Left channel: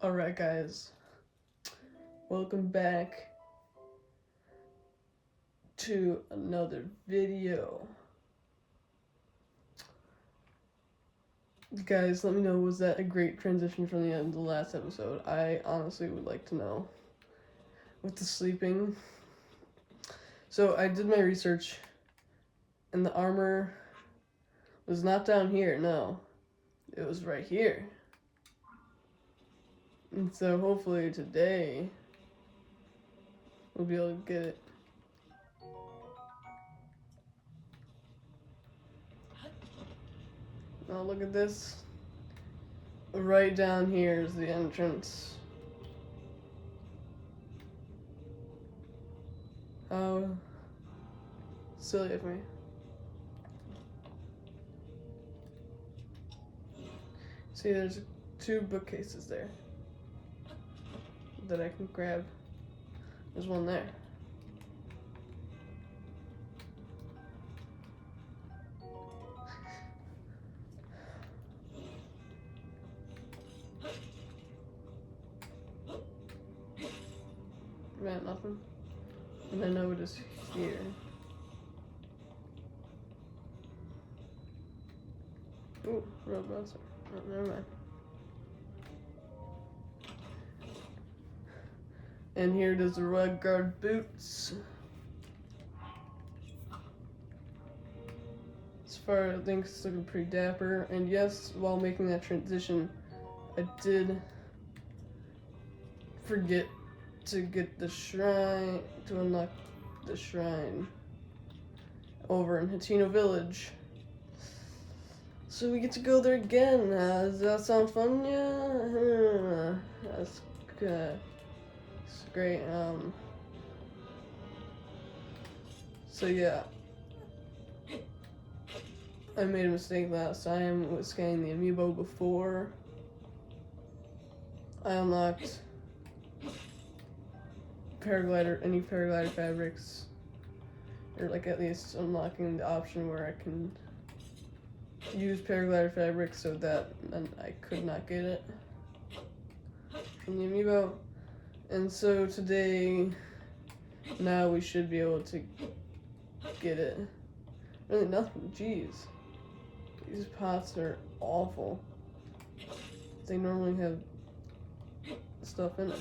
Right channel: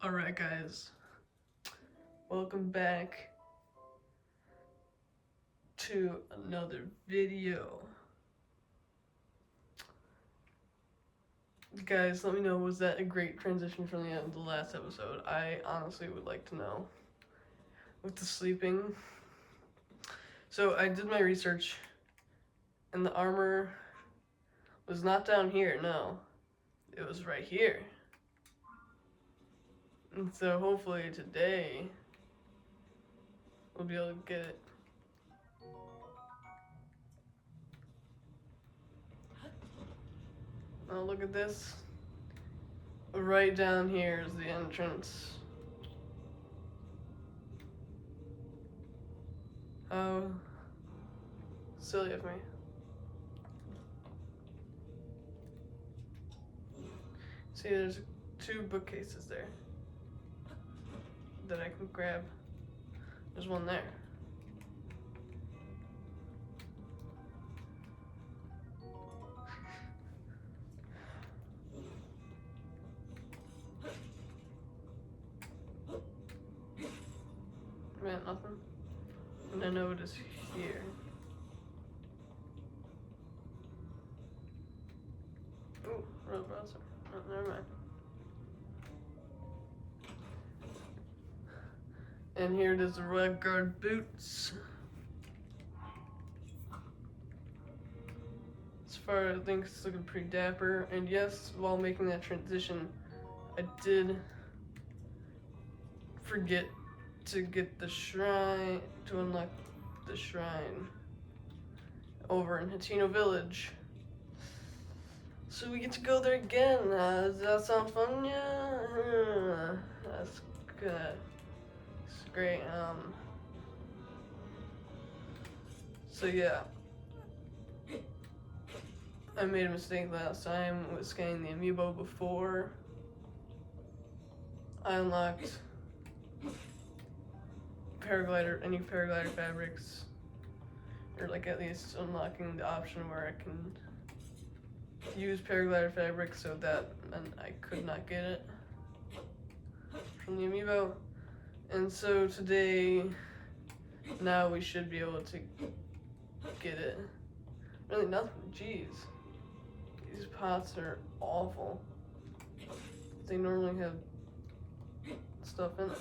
Alright guys, welcome back to another video. Guys, let me know, was that a great transition from the end of the last episode? I honestly would like to know. With the sleeping. So I did my research and the armor was not down here, no. It was right here. And so hopefully today we'll be able to get it. Now look at this. Right down here is the entrance. Oh, silly of me. See, there's 2 bookcases there that I can grab. There's one there. Man, nothing. And I know it is here. Oh, no, that's never mind. And here it is, the Rug Guard boots. As far as I think it's looking pretty dapper. And yes, while making that transition, I did forget to get the shrine, to unlock the shrine over in Hatino Village. So we get to go there again. Does that sound fun? Yeah. That's good. It's great. So yeah. I made a mistake last time with scanning the amiibo before I unlocked any paraglider fabrics, or like at least unlocking the option where I can use paraglider fabric, so that meant I could not get it in the amiibo. And so today, now we should be able to get it. Really nothing, jeez. These pots are awful. They normally have stuff in it.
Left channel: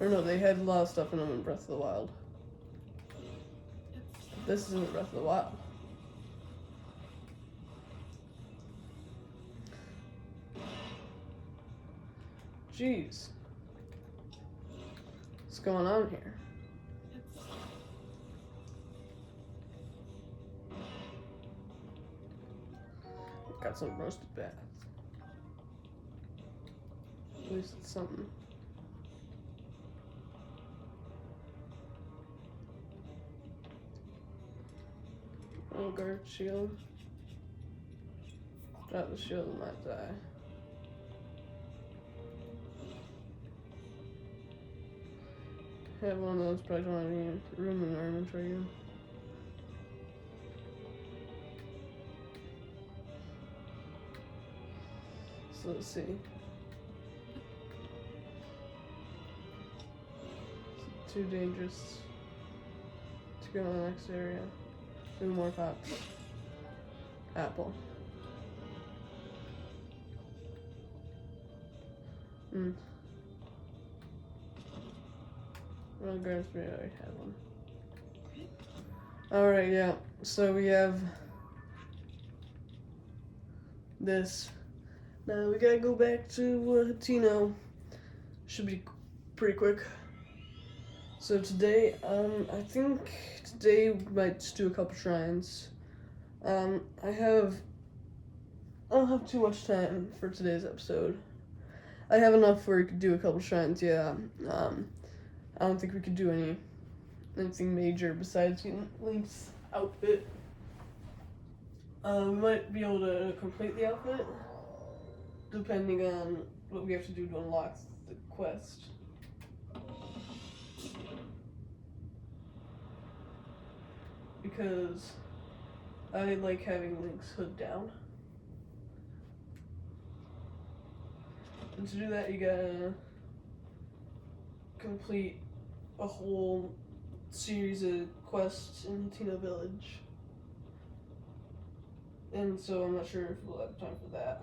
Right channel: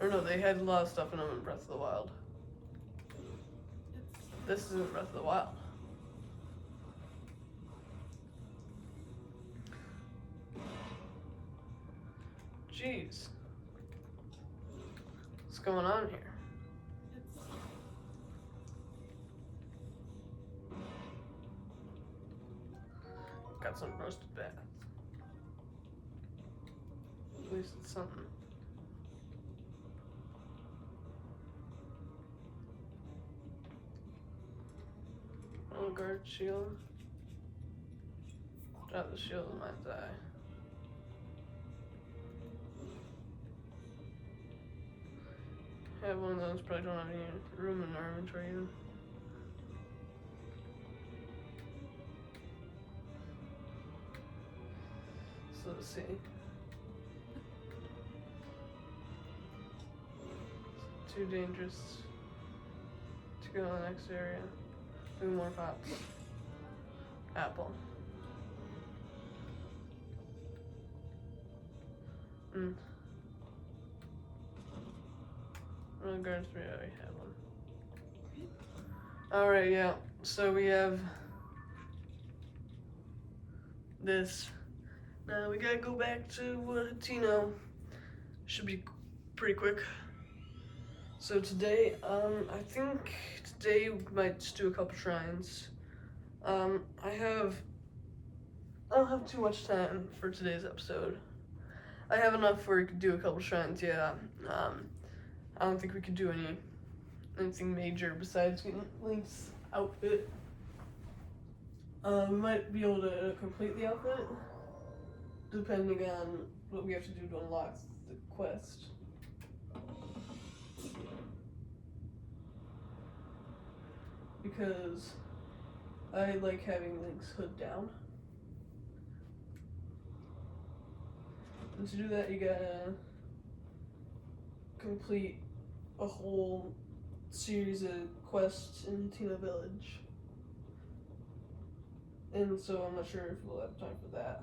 Or no, they had a lot of stuff in them in Breath of the Wild. This isn't Breath of the Wild. Jeez. What's going on here? Got some roasted bats. At least it's something. Guard shield. Drop the shield on my die. I have one of those, but I don't have any room in my inventory. So let's see. It's too dangerous to go to the next area. No more pots. Apple. Well, guards, we already have one. Alright, yeah. So we have this. Now we gotta go back to Tino. Should be pretty quick. So today, I think today we might just do a couple shrines. I don't have too much time for today's episode. I have enough where we could do a couple shrines, yeah. I don't think we could do anything major besides getting Link's outfit. We might be able to complete the outfit, depending on what we have to do to unlock the quest. Because I like having Link's hood down. And to do that, you gotta complete a whole series of quests in Tina Village. And so I'm not sure if we'll have time for that.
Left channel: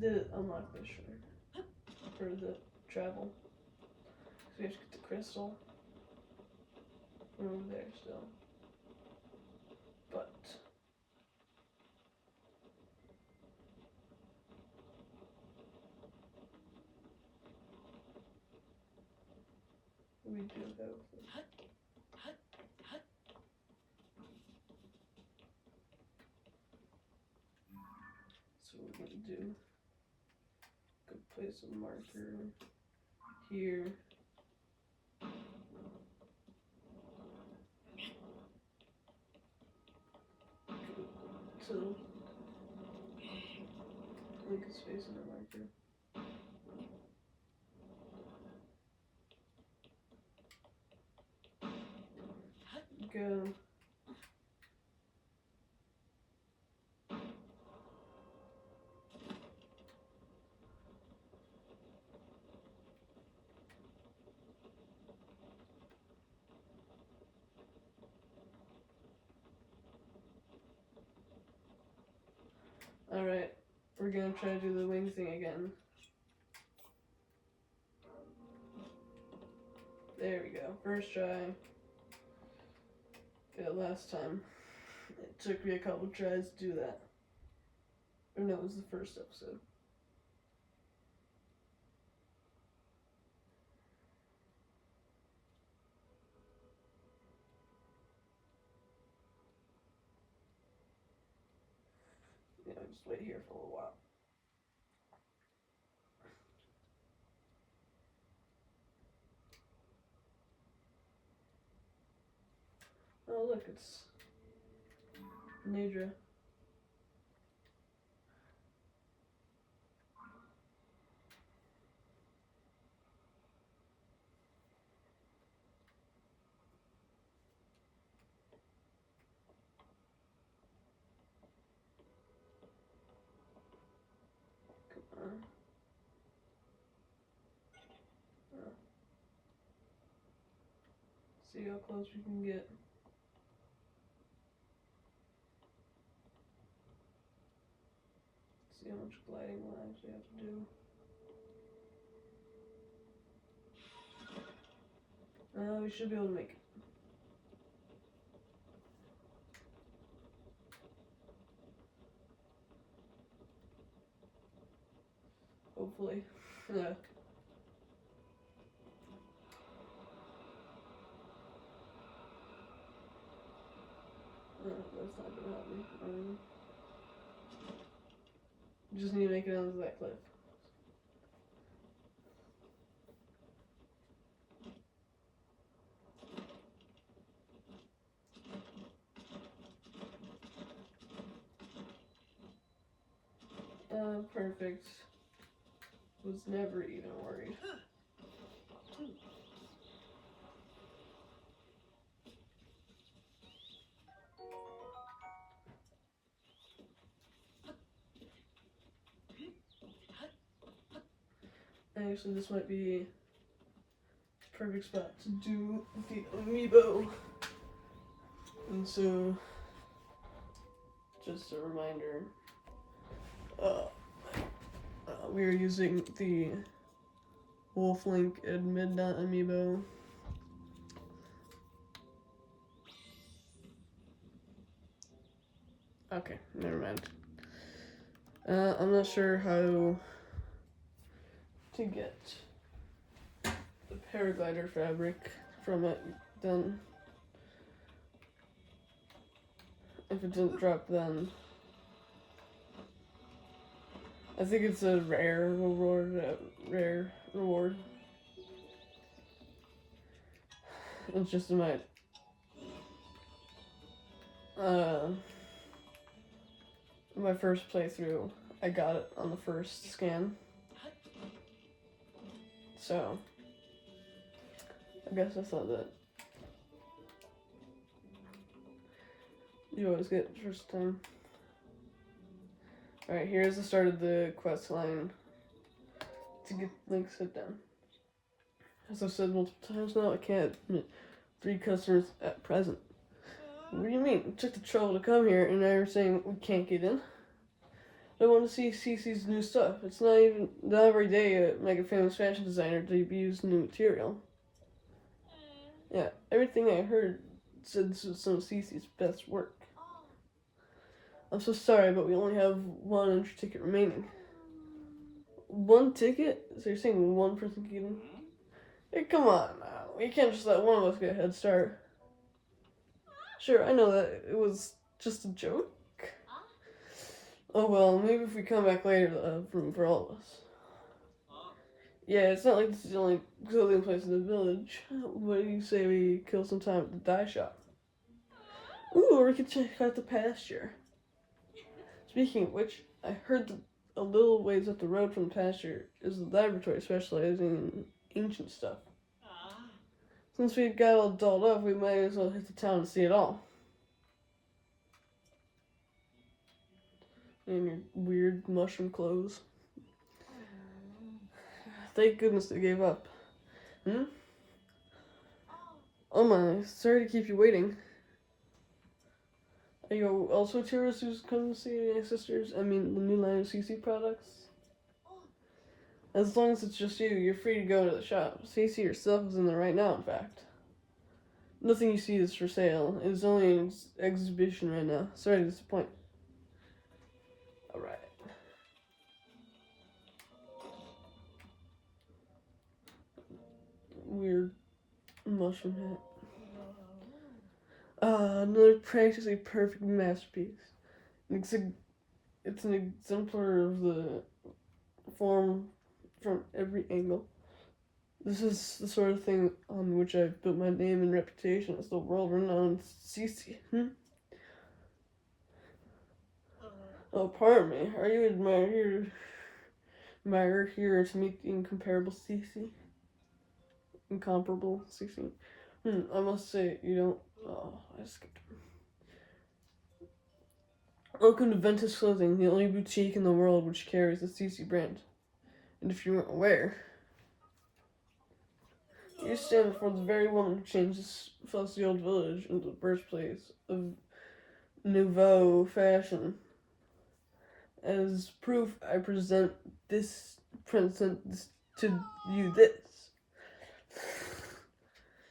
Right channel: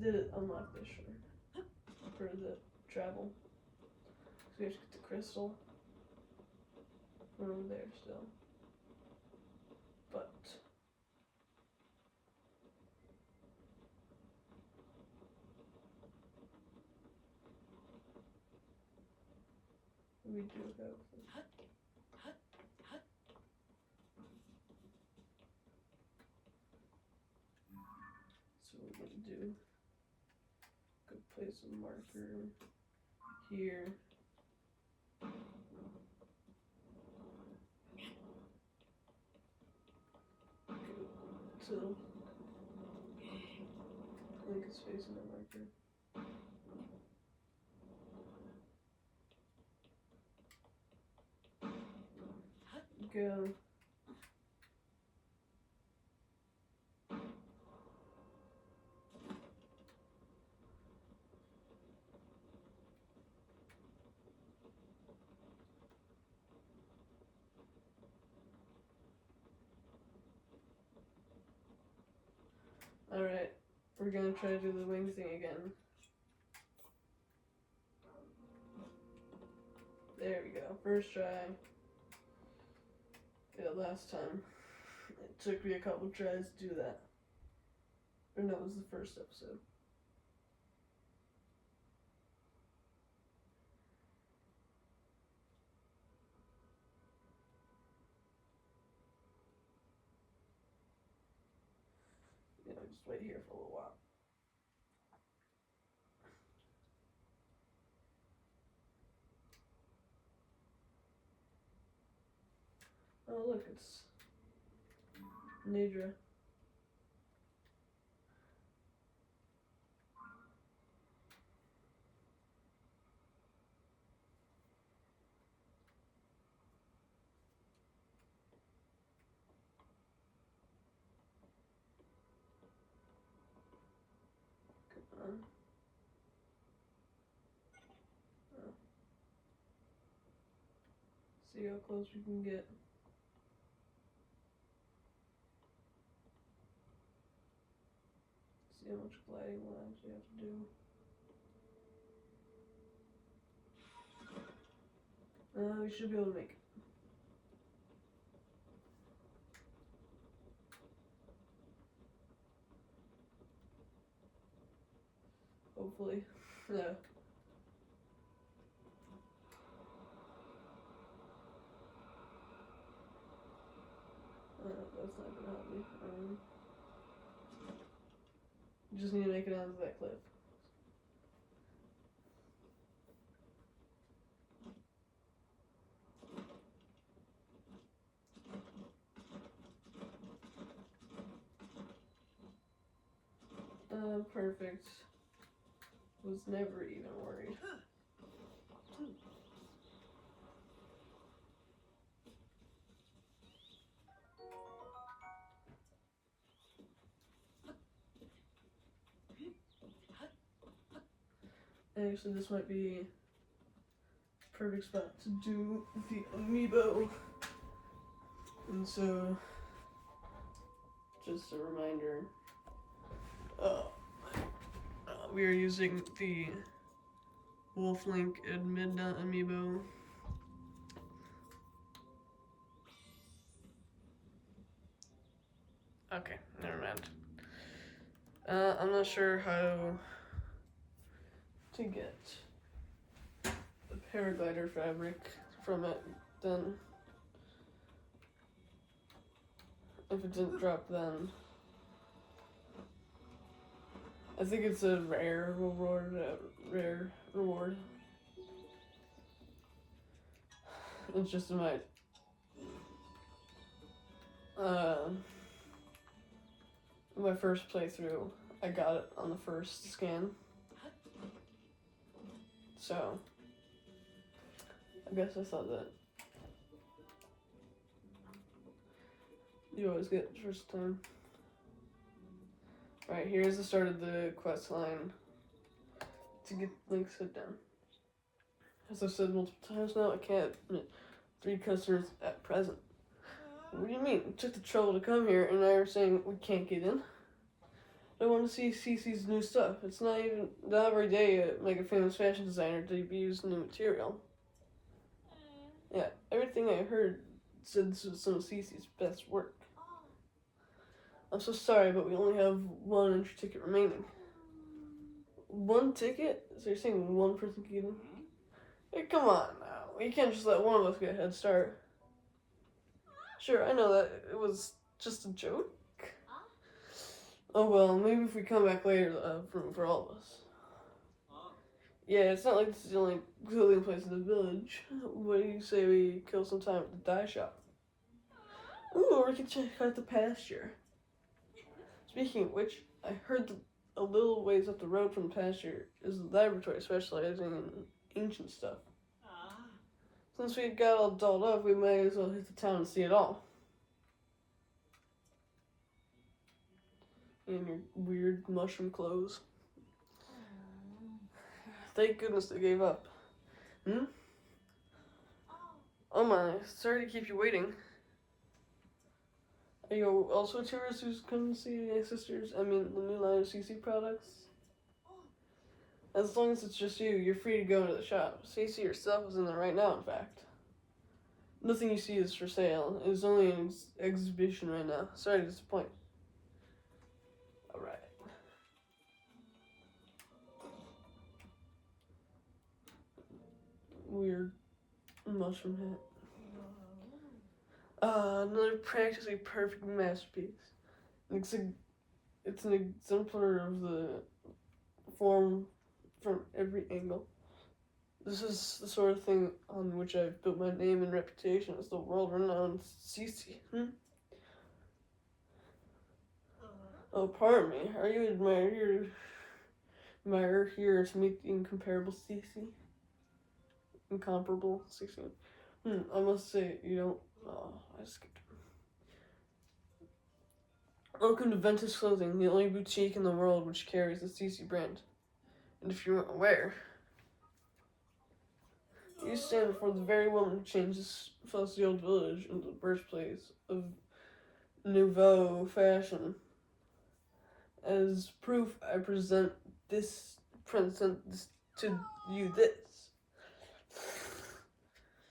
Did unlock this shrine for the travel. So we have to get the crystal from over there still. But we do have them. So what we're gonna do, go place a marker here. So link is facing a marker. Go. Alright, we're gonna try to do the wing thing again. There we go, first try. Yeah, last time. It took me a couple tries to do that. Or no, it was the first episode. You know, just wait here for a little while. Oh look, it's Nidra. Come on. Oh. See how close we can get. See how much gliding we'll actually have to do. We should be able to make it. Hopefully. Yeah. That's not gonna help me. Just need to make it onto that cliff. Perfect. Was never even worried. Actually, this might be a perfect spot to do the amiibo. And so, just a reminder, we are using the Wolf Link and Midnight amiibo. Okay, never mind. I'm not sure how to get the paraglider fabric from it then. If it didn't drop then. I think it's a rare reward. It's just in my first playthrough, I got it on the first scan. So, I guess I thought that you always get it first time. Alright, here's the start of the quest line. To get Link, sit down. As I've said multiple times now, I can't admit 3 customers at present. What do you mean? It took the trouble to come here and now you're saying we can't get in? I want to see Cece's new stuff. It's not every day like a famous fashion designer to use new material. Yeah, everything I heard said this was some of Cece's best work. I'm so sorry, but we only have 1 entry ticket remaining. 1 ticket? So you're saying 1 person can get in? Hey, come on now. We can't just let one of us get a head start. Sure, I know that it was just a joke. Oh well, maybe if we come back later, they'll have room for all of us. Yeah, it's not like this is the only clothing place in the village. What do you say we kill some time at the dye shop? Ooh, or we can check out the pasture. Speaking of which, I heard that a little ways up the road from the pasture is a laboratory specializing in ancient stuff. Since we got all dolled up, we might as well hit the town and see it all. In your weird mushroom clothes. Thank goodness they gave up. Oh my, sorry to keep you waiting. Are you also a tourist who's come to see my sisters? I mean, the new line of Cece products? As long as it's just you, you're free to go to the shop. Cece herself is in there right now, in fact. Nothing you see is for sale. It is only an exhibition right now. Sorry to disappoint. Alright. Weird mushroom hat. Another practically perfect masterpiece. It's an exemplar of the form from every angle. This is the sort of thing on which I've built my name and reputation as the world-renowned Cece. Oh, pardon me. Are you admirer here to meet the incomparable Cece? Incomparable Cece. I must say, you don't... Oh, I skipped. Welcome to Ventus Clothing, the only boutique in the world which carries the Cece brand. And if you weren't aware, you stand before the very woman who changed this fussy old village into the birthplace of nouveau fashion. As proof, I present to you this.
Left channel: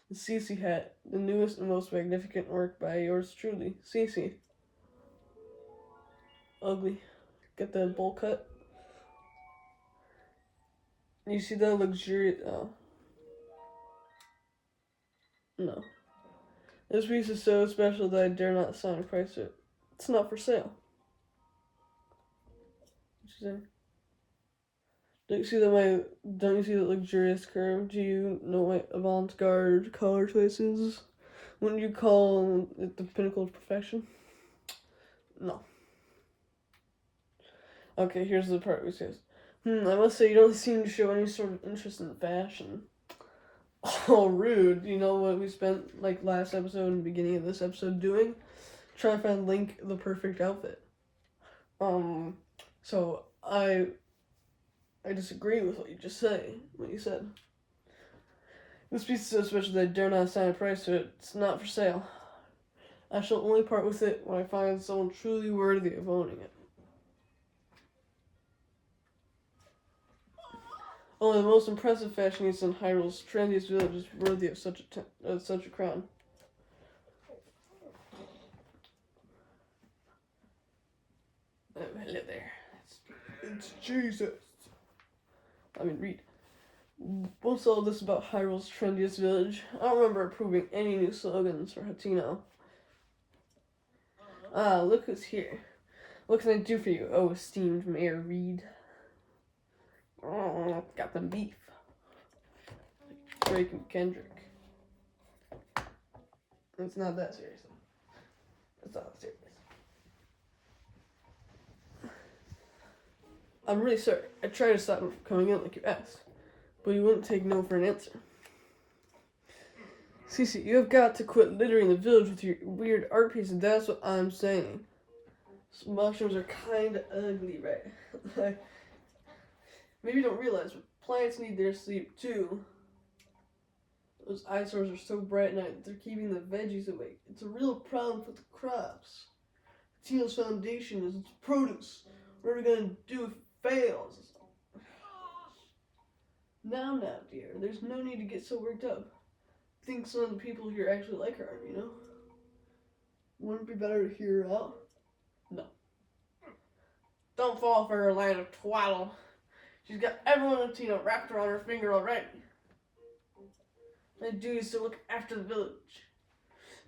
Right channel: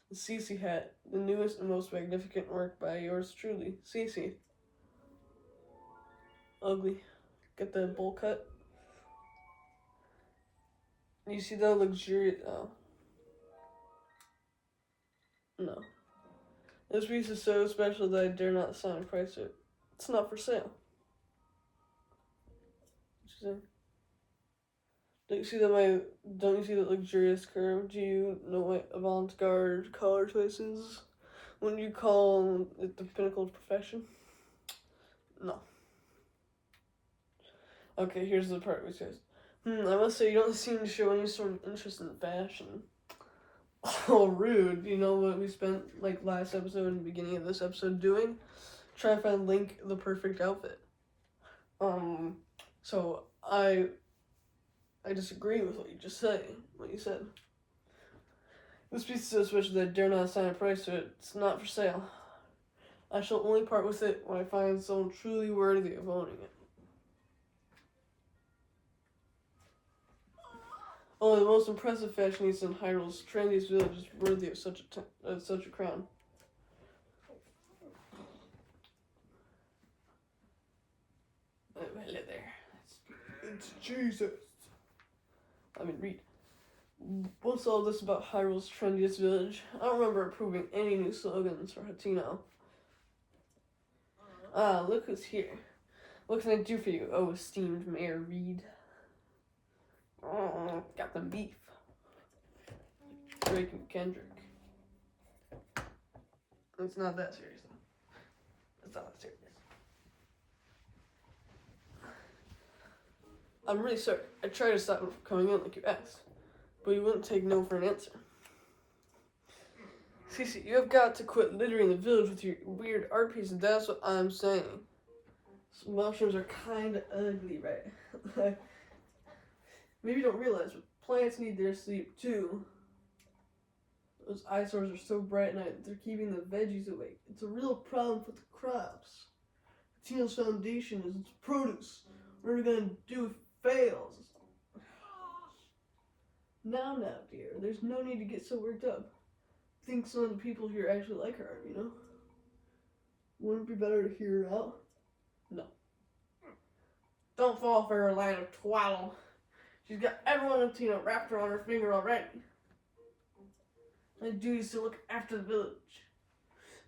The Cece hat, the newest and most magnificent work by yours truly, Cece. Ugly. Get that bowl cut. You see that luxurious... Oh. No. This piece is so special that I dare not assign a price to it. It's not for sale. What you say? Don't you see that luxurious curve? Do you know what avant-garde color choices? Wouldn't you call it the pinnacle of perfection? No. Okay, here's the part which says, I must say you don't seem to show any sort of interest in fashion. Oh, rude. You know what we spent, like, last episode and the beginning of this episode doing? Trying to find Link the perfect outfit. So, I disagree with what you said. This piece is so special that I dare not assign a price to it. It's not for sale. I shall only part with it when I find someone truly worthy of owning it. Only the most impressive fashionista in Hyrule's trendiest village is worthy of such a crown. Hello there. It's Jesus. I mean, Reede. What's all this about Hyrule's trendiest village? I don't remember approving any new slogans for Hatino. Ah, look who's here. What can I do for you, oh esteemed Mayor Reede? Oh, got the beef. Drake and Kendrick. It's not that serious though. It's not that serious. I'm really sorry. I tried to stop him from coming in like you asked, but he wouldn't take no for an answer. Cece, you have got to quit littering the village with your weird art pieces. That's what I'm saying. Some mushrooms are kind of ugly, right? Maybe you don't realize, but plants need their sleep too. Those eyesores are so bright at night, they're keeping the veggies awake. It's a real problem for the crops. Teal's foundation is its produce. What are we going to do if it fails? Now, dear, there's no need to get so worked up. I think some of the people here actually like her, you know? Wouldn't it be better to hear her out? No. Don't fall for her line of twaddle. She's got everyone in Tina wrapped around her finger already. My duty is to look after the village.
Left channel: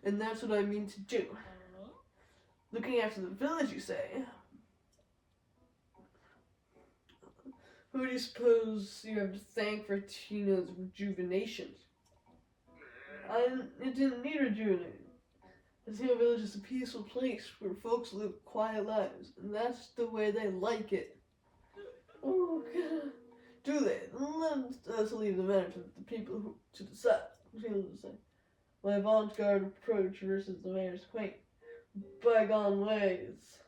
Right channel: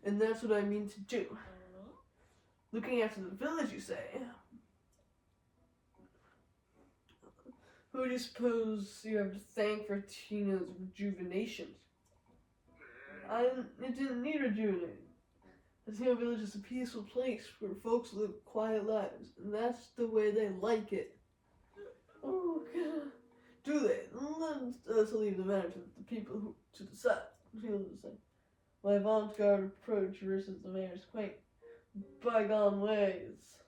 And that's what I mean to do. Looking after the village, you say? Who do you suppose you have to thank for Tina's rejuvenation? It didn't need rejuvenating. The Tina village is a peaceful place where folks live quiet lives, and that's the way they like it. Oh, God. Do they? Let us leave the matter to the people to decide. My avant-garde approach versus the mayor's quaint, bygone ways.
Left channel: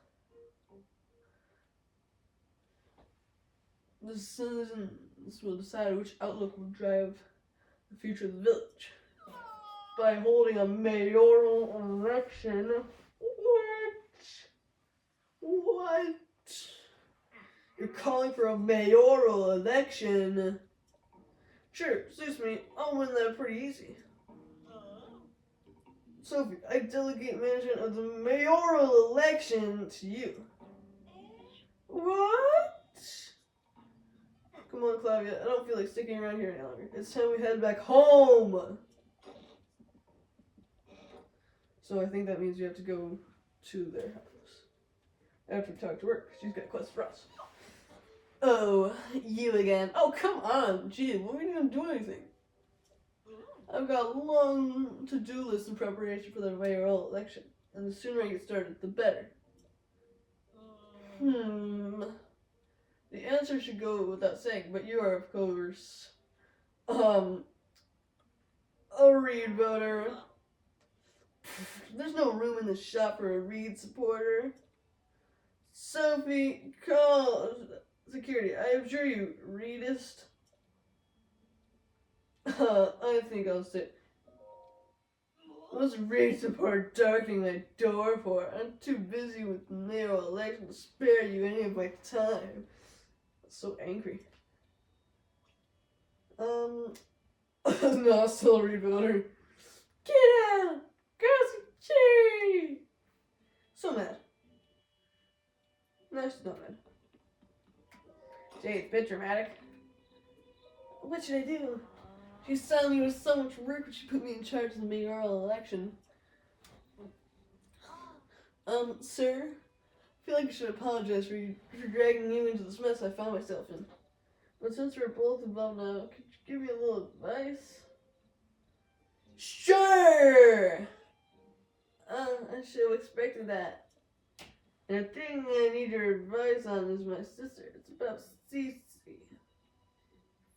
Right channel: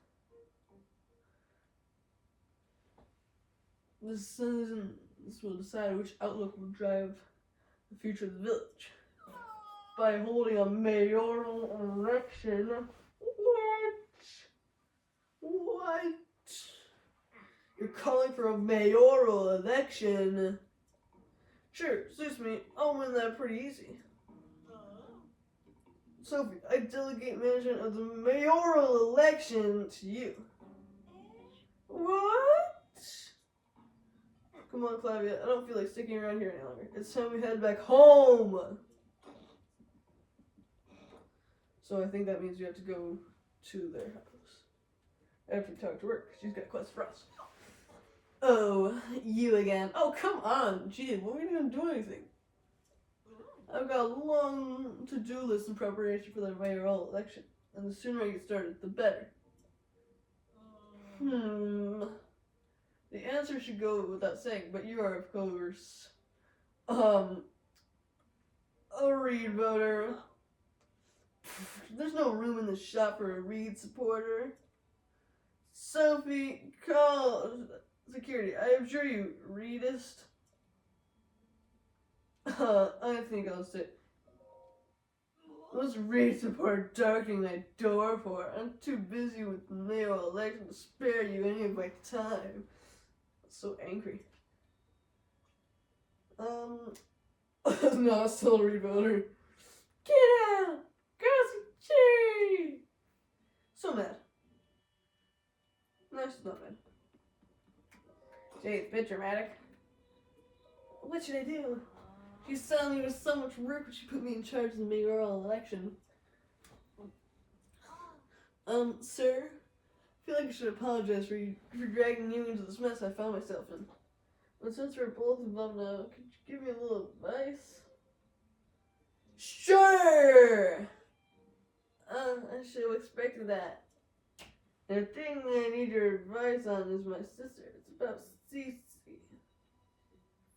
The citizens will decide which outlook will drive the future of the village. By holding a mayoral election. What? You're calling for a mayoral election? Sure, suits me. I'll win that pretty easy. Sophie, I delegate management of the mayoral election to you. What? Come on, Claudia. I don't feel like sticking around here any longer. It's time we head back home. So I think that means you have to go to their house. After we talk to her, she's got quests for us. Oh, you again. Oh, come on. Gee, what are we going to do anything? I've got a long to-do list in preparation for the mayoral election. And the sooner I get started, the better. The answer should go without saying, but you are, of course, a Reede voter. There's no room in the shop for a Reede supporter. Sophie, call security. I am sure you Reedist. I think I'll sit. What's Reede support darkening my door for? I'm too busy with mayoral election to spare you any of my time. So angry. No, still a Reede voter. Get out! Go Cece! So mad. No, she's not mad. Gee, it's a bit dramatic. What should I do? She's telling me with so much work, but she put me in charge of the mayoral election. Sir? I feel like I should apologize for dragging you into this mess I found myself in. But since we're both involved now, could you give me a little advice? Sure! I should have expected that. The thing I need your advice on is my sister. It's about Cece.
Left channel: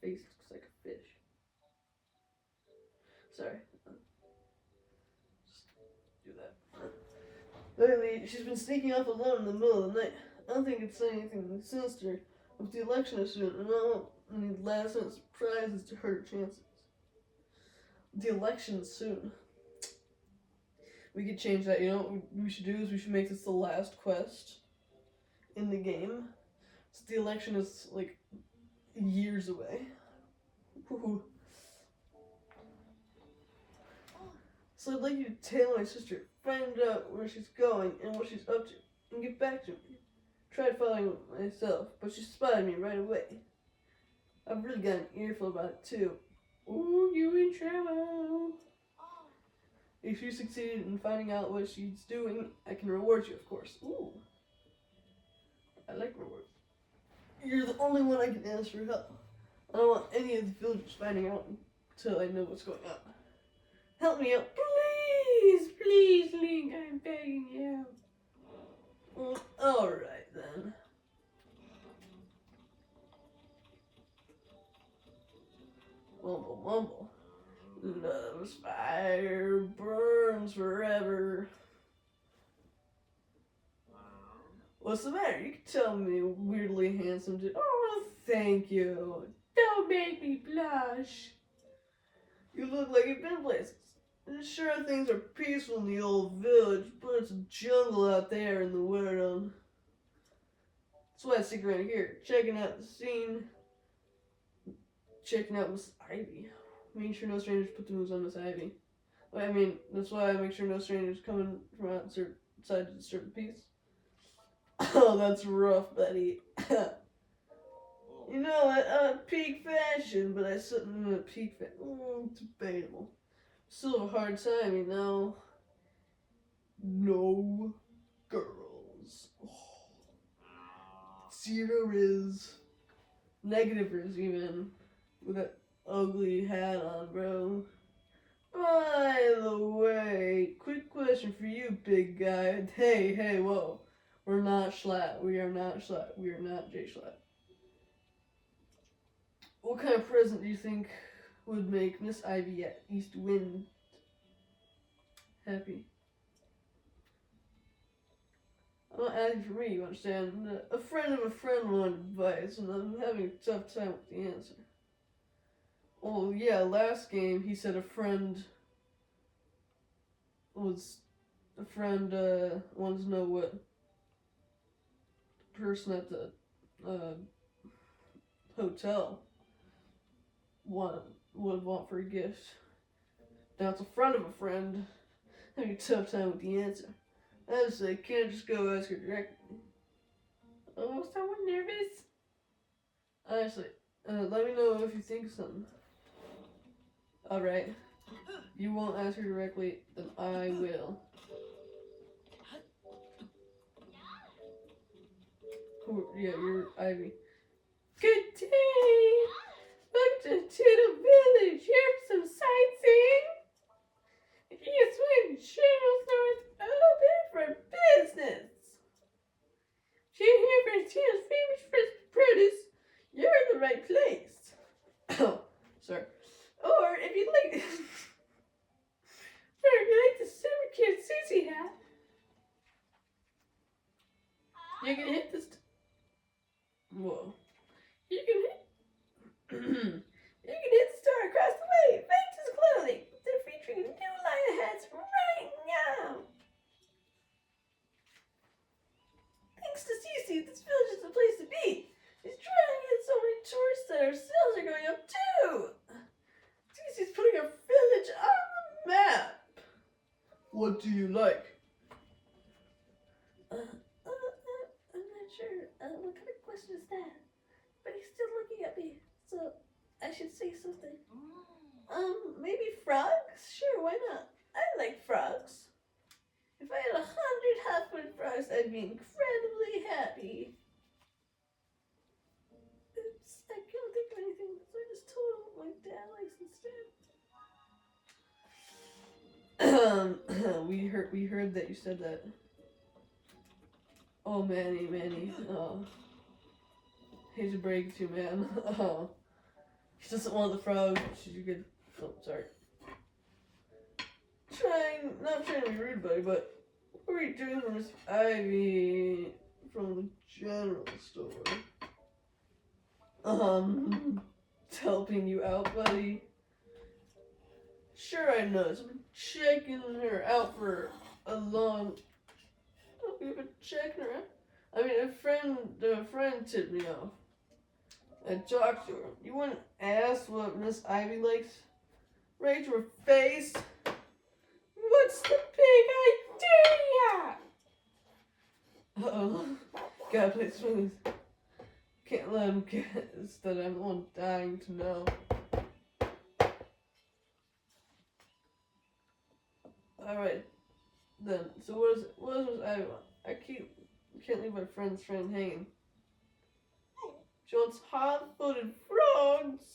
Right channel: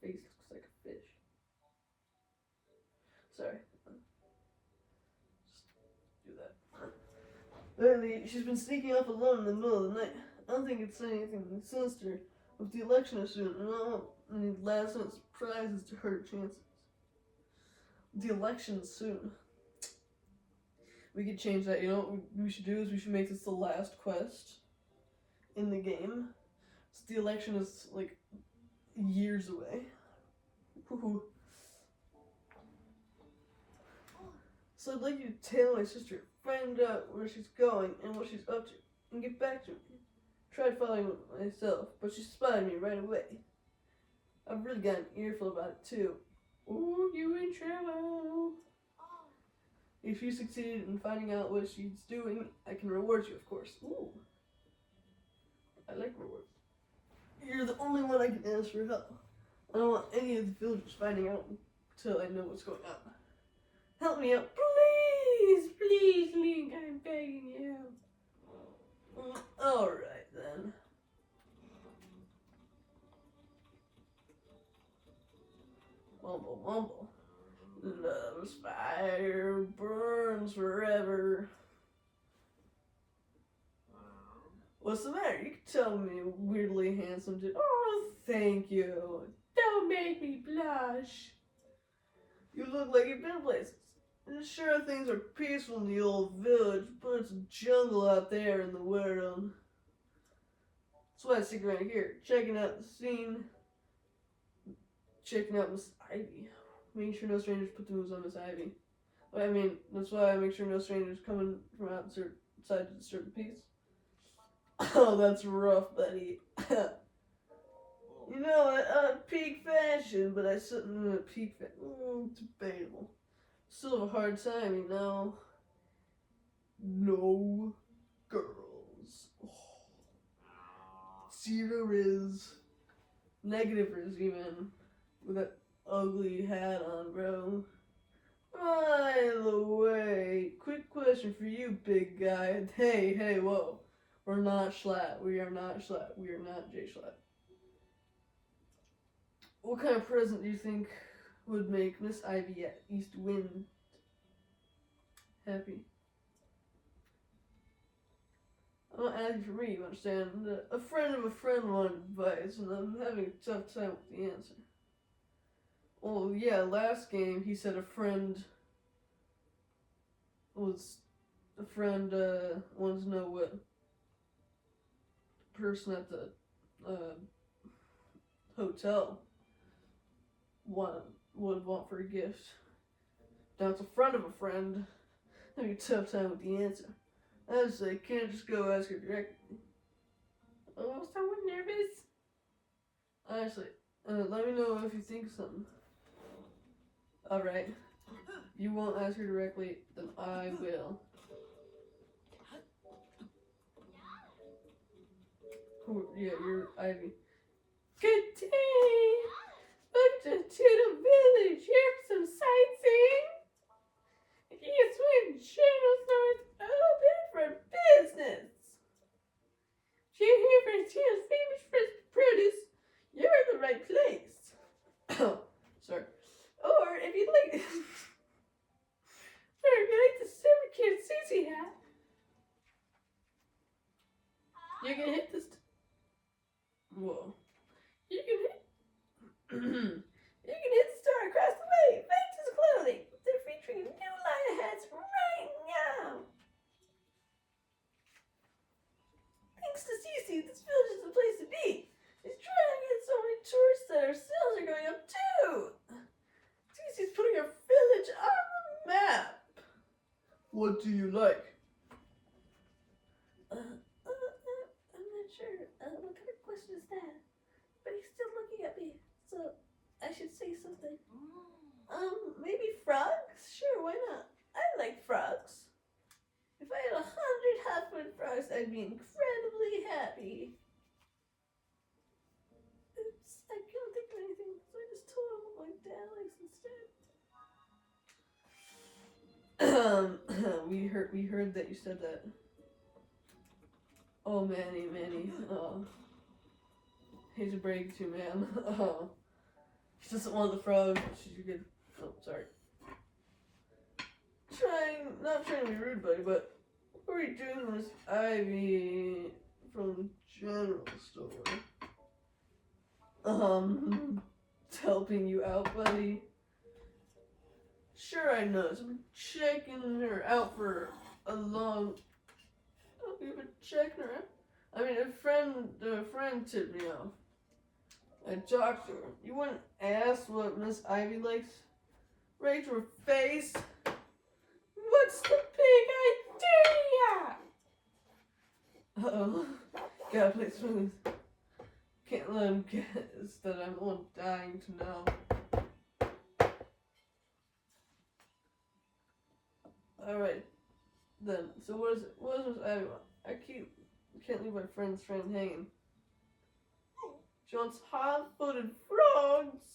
Face looks like a fish. Sorry. Just do that. Lately, she's been sneaking off alone in the middle of the night. I don't think it's anything sinister. With the election is soon, and I don't want any last-minute surprises to hurt her chances. The election is soon. We could change that. You know what we should do is we should make this the last quest in the game. So the election is like years away. Ooh. So I'd like you to tell my sister, find out where she's going and what she's up to, and get back to me. Tried following it myself, but she spotted me right away. I've really got an earful about it too. Ooh, you in trouble. If you succeeded in finding out what she's doing, I can reward you, of course. Ooh. I like rewards. You're the only one I can ask for help. I don't want any of the villagers finding out until I know what's going on. Help me out, please! Please, Link, I'm begging you. Alright then. What's the matter? You can tell me, weirdly handsome dude. Oh, thank you. Don't make me blush. You look like you've been places. And sure, things are peaceful in the old village, but it's a jungle out there in the world. That's why I stick around here, checking out the scene, checking out Miss Ivy, making sure no strangers put the moves on Miss Ivy. I mean, that's why I make sure no strangers coming from outside to disturb the peace. Oh, that's rough, buddy. You know, at peak fashion, but I sit in at peak fashion. Debatable. Still have a hard time, you know. No girls. Oh. Zero is. Negative is even. With that ugly hat on, bro. By the way, quick question for you, big guy. Hey, whoa. We're not Schlatt. We are not Schlatt. We are not Jay Schlatt. What kind of present do you think would make Miss Ivy at East Wind happy? I'm not asking for me, you understand? A friend of a friend wanted advice, and I'm having a tough time with the answer. Oh, yeah, last game he said a friend wanted to know what the person at the hotel would want for a gift. Now it's a friend of a friend. Having a tough time with the answer. I say, can't just go ask her directly. Oh, someone nervous? Honestly, let me know if you think of something. Alright. You won't ask her directly, then I will. Oh, yeah, you're Ivy. Good day! Welcome to the village. Here for some sightseeing. Yes, when General Store is open for business. If you're here for Tina's famous fresh produce, you're in the right place. Oh, sorry. Or if you like, the super cute Cece hat, you can hit this. Whoa. You can hit. You can hit the store across the way. Fancy's clothing. They're featuring a new line of hats right now. Thanks to Cece, this village is the place to be. She's trying to get so many tourists that our sales are going up too. Cece's putting our village on the map. What do you like? I'm not sure. What kind of question is that? But he's still looking at me, so I should say something. Maybe frogs? Sure, why not? I like frogs. If I had 100 hot-footed frogs, I'd be incredibly happy. Oops, I couldn't think of anything, so I just told him what my dad likes instead. We heard that you said that. Oh, Manny. Oh. Hate to break it to you, man. Oh. He doesn't want the frog. Should you get... Oh, sorry. Not trying to be rude, buddy, but what are you doing with Miss Ivy from the general store? Helping you out, buddy? Sure, I know. I've been checking her out for a long... Oh, you've been checking her out? I mean, a friend tipped me off. I talked to her. You wouldn't ask what Miss Ivy likes? Right to her face? What's the big idea? Uh-oh. Gotta play smooth. Can't let him guess that I'm the one dying to know. Alright, then. So what is Miss Ivy want? I can't leave my friend hanging. She wants hot-footed frogs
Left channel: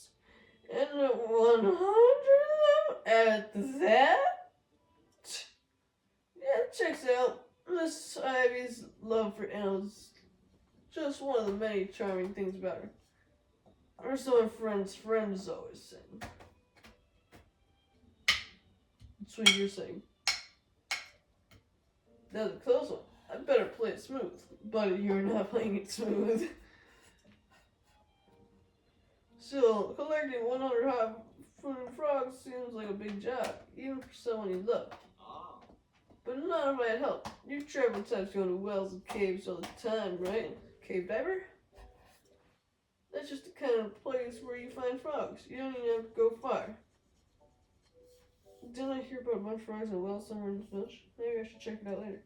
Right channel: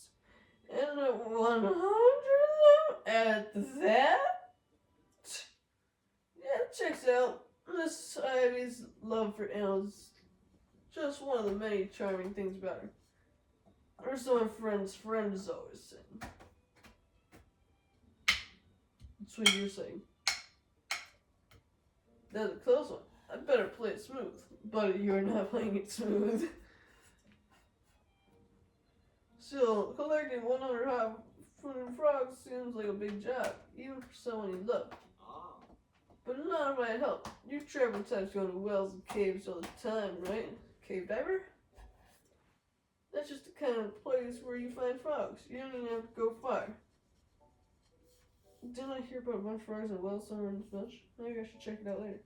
and 100 of them at that? Yeah, checks out. Miss Ivy's love for animals, just one of the many charming things about her. Or so my friends always say. That's what you're saying. That's a close one. I better play it smooth. But you're not playing it smooth. Still, collecting 100 frogs seems like a big job, even for someone you love. But none of my help. You travel types go to wells and caves all the time, right? Cave diver? That's just the kind of place where you find frogs. You don't even have to go far. Didn't I hear about a bunch of frogs in a well somewhere in this village? Maybe I should check it out later.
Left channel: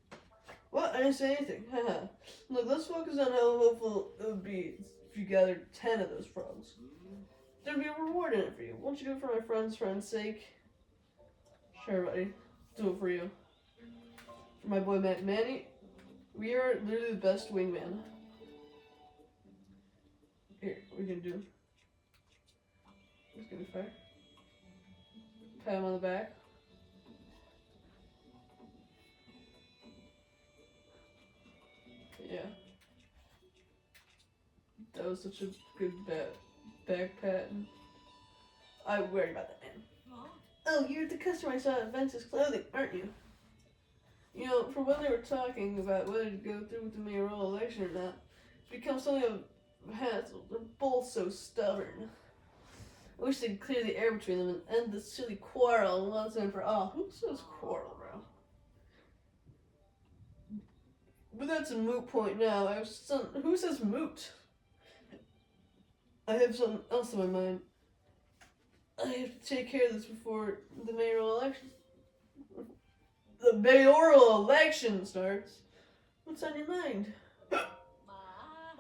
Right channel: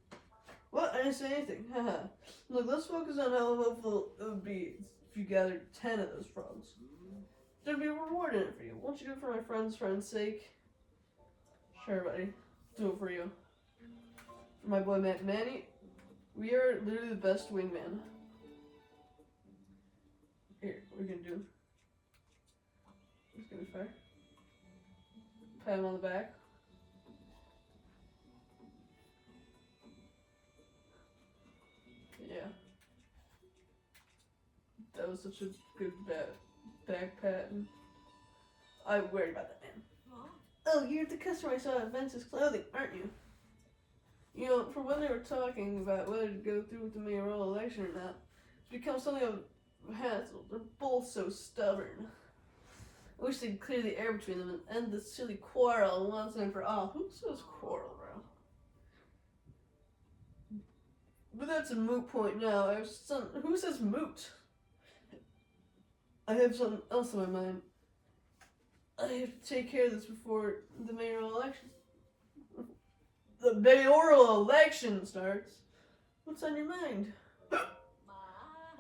What? I didn't say anything. Haha. Look, let's focus on how helpful it would be if you gathered 10 of those frogs. There'd be a reward in it for you. Won't you do it for my friend's sake? Sure, buddy. Do it for you. For my boy Manny, we are literally the best wingman. Here, we can do. Let's give it fire. Pat him on the back. Yeah. That was such a good back pat. I worried about that, man. Oh, you're the customer I saw at Vince's Clothing, aren't you? You know, from when they were talking about whether to go through with the mayoral election or not, it's become something of a hassle. They're both so stubborn. I wish they'd clear the air between them and end this silly quarrel once and for all. Who says quarrel, bro? But that's a moot point now. Who says moot? I have something else in my mind. I have to take care of this before the mayoral election. The mayoral election starts? What's on your mind?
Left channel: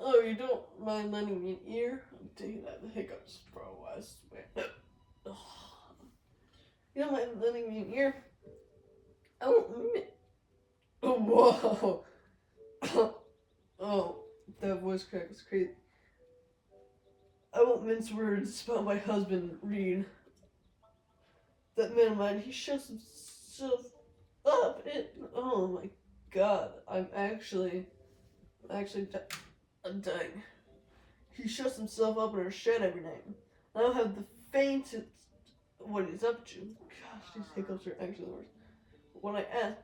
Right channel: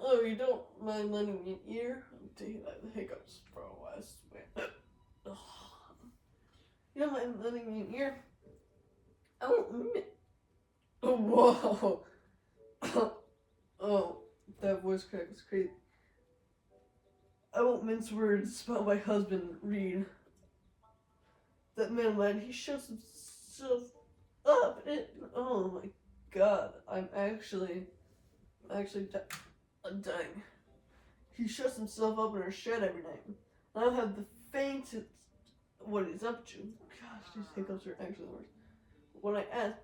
Oh, you don't mind lending me an ear? I'm taking that the hiccups, bro. I swear. You don't mind lending me an ear? I won't. Oh, whoa. Oh, that voice crack was crazy. I won't mince words about my husband, Reede. That man of mine, he shuts himself up. Oh my god, I'm actually dying. He shuts himself up in our shed every night. I don't have the faintest what he's up to. Gosh, these hiccups are actually the worst. When I ask,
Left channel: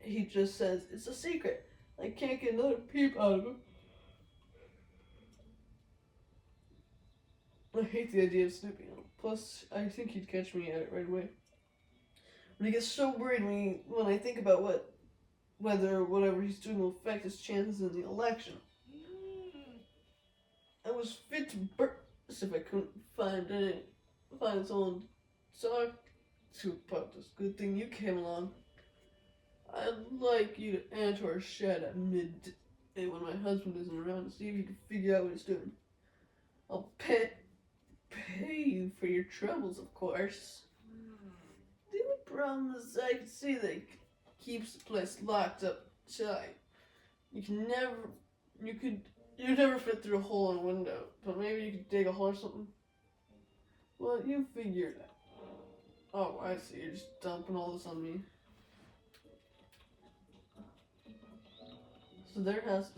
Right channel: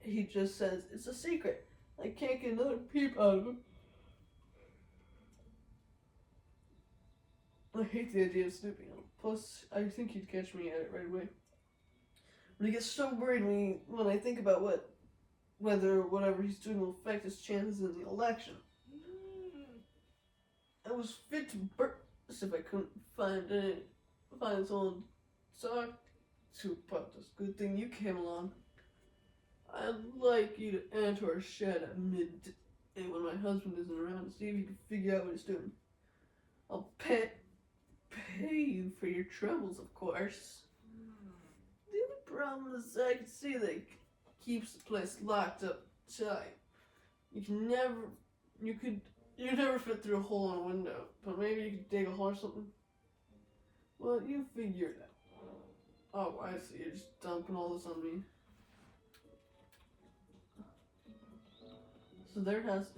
he just says, it's a secret. I can't get another peep out of him. I hate the idea of snooping. Plus, I think he'd catch me at it right away. But he gets so worried when I think about whether whatever he's doing will affect his chances in the election. I was fit to burst if I couldn't find someone to talk to about this. Good thing you came along. I'd like you to enter our shed at midday when my husband isn't around to see if you can figure out what he's doing. I'll pay you for your troubles, of course. The only problem is I can see that he keeps the place locked up tight. You'd never fit through a hole in a window, but maybe you could dig a hole or something. Well, you figure it out. Oh, I see. You're just dumping all this on me. So there has